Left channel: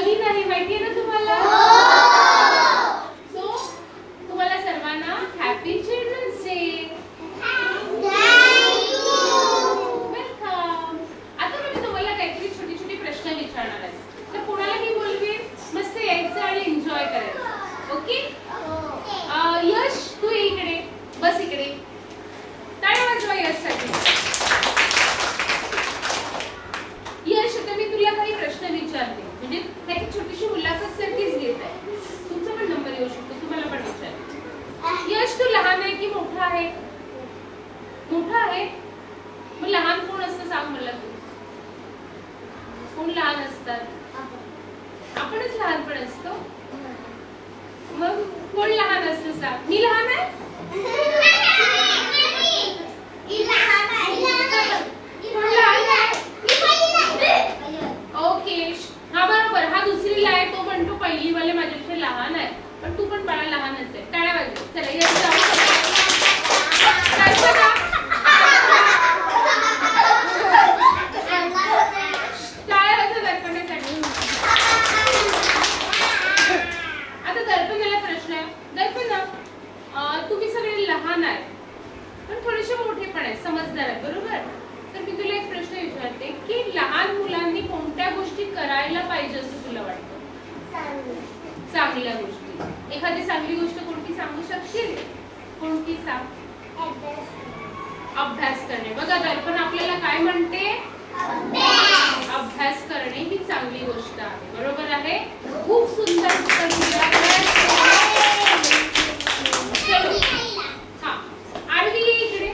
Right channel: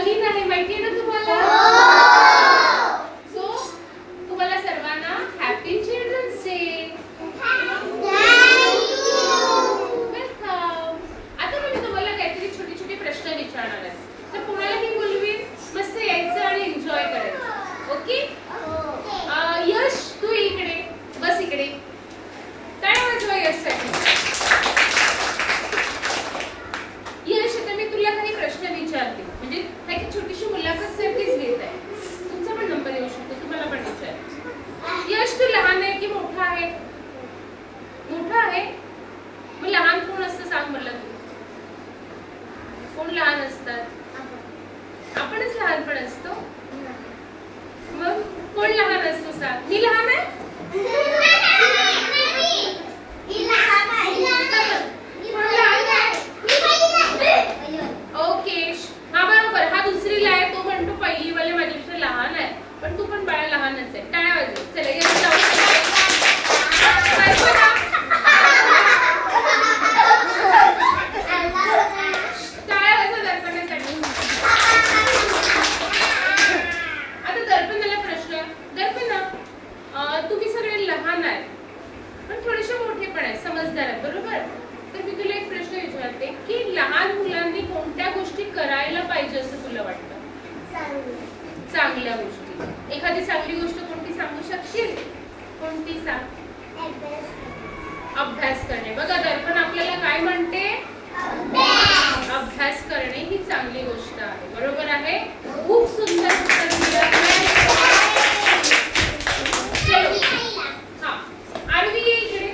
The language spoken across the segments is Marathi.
नवीन आहे, माहिती आहे ना तुम्हाला? सो तुम्हाला सर्वांना हॅपी चिल्ड्रन्स डे. वेलकम. आता मी तुम्हाला काहीतरी छोटी छोटी प्रश्न विचारणार आहे, तर कोणालाही बोलवेन, मस्त यायचं आणि एन्जॉय करायचं. ओके? यश तू इकडे बस, इकडे टाळ्या वाजवा यशसाठी. यश, आता मी तुला काही प्रश्न विचारते, म्हणजे काही छोटीशी मुलाखत सारखीच घेत आहे. तुमचा पण नंबर येऊ शकतो, तुम्हाला पण विचार. यश, तू लहान आहे की मोठा आहे? मोठा आहे. मग लहान कोण असतं सांग मला तू. कोण लहान असतात? आपणच लहानपण असतो. मग कोण लहान असतं सांग. मी लहान आहे? ओके, हा बरोबर. हा दुसरीला आहे, तो म्हणतो पहिली वाले माझ्यापेक्षा लहान आहे, पण तू पण बाळा लहानच आहे. टाळ्या वाजव. चला यश जाऊ. टाळ्या वाजव दर्पणासाठी. आता दर्पणाला प्रश्न आहे. दर्पणा, तुम्ही सगळे लहान आहे पण थोडेसे मोठे पण आहे, समजदार आहे, बरोबर? तर मी तुला एक प्रश्न विचारते की लहान मुलांनी कोणत्या गोष्टी करायला पाहिजे असं तुला वाटतं? चांगल्या गोष्टी. एखादी चांगली गोष्ट कोणती सांगू शकशील? कोणती सांग. अभ्यास करणे. बघा दर्पण आपल्याला काय म्हणते? अभ्यास करणे ही चांगली गोष्ट आहे, बरोबर आहे? खूप सुंदर उत्तर दिलं. आरवी इकडे.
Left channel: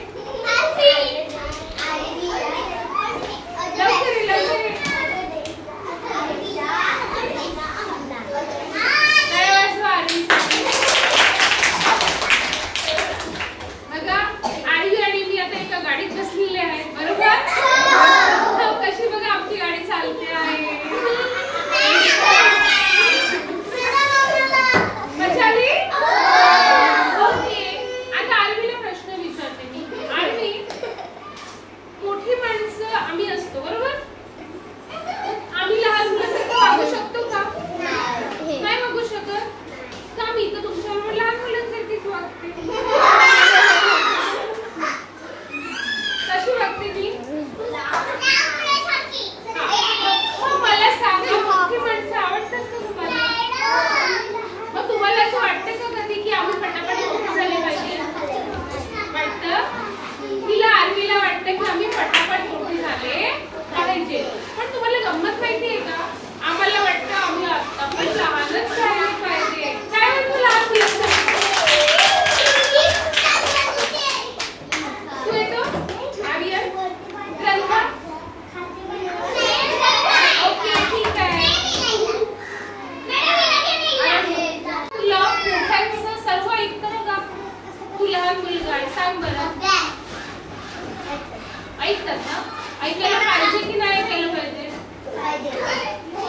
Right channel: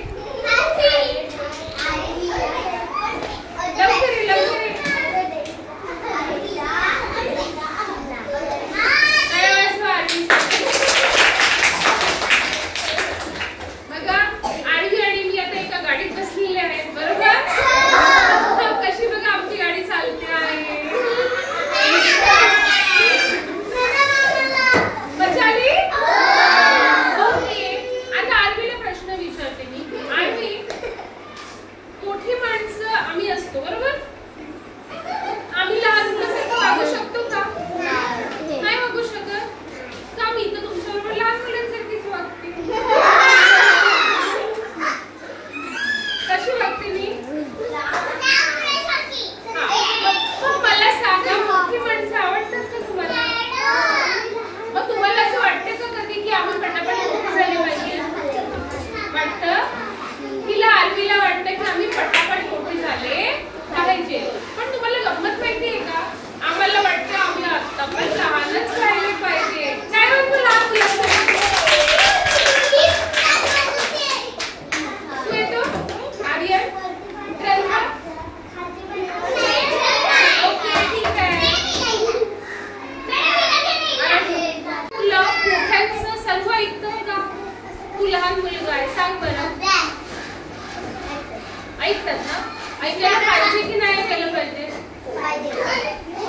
ऐकतात ना? ऐकायला पाहिजे की नाही ऐकायला पाहिजे?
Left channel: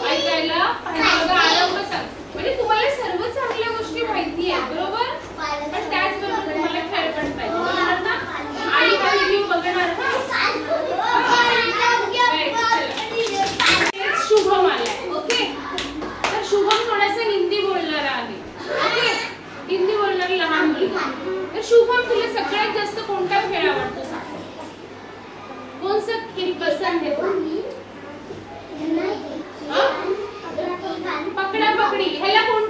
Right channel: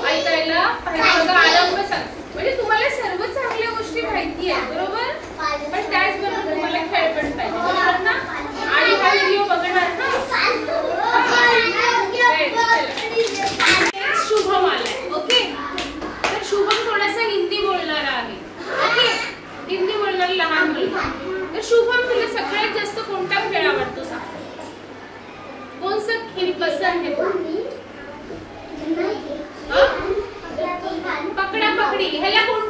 ऐकायला पाहिजे. आराम सांग. म्हणजे तुम्हाला सर्व चांगल्या गोष्टी माहिती आहेत, बरोबर? पण त्याचबरोबर तुम्हाला खेळ पण पाहिजे, बरोबर ना? आणि हा व्हिडिओ बघणार ना? शुभम आलाय. ओके, तर शुभम थोडासा हिंदी बोलणारा आहे. ओके, हिंदी बोलणारा लहान मुलगा. तर शुभम, तुला सगळ्यात जास्त कोणता खेळ आवडतो सांग. कौन सा खेल पसंद है? पकड़ा पकड़ी. ह्याला कोण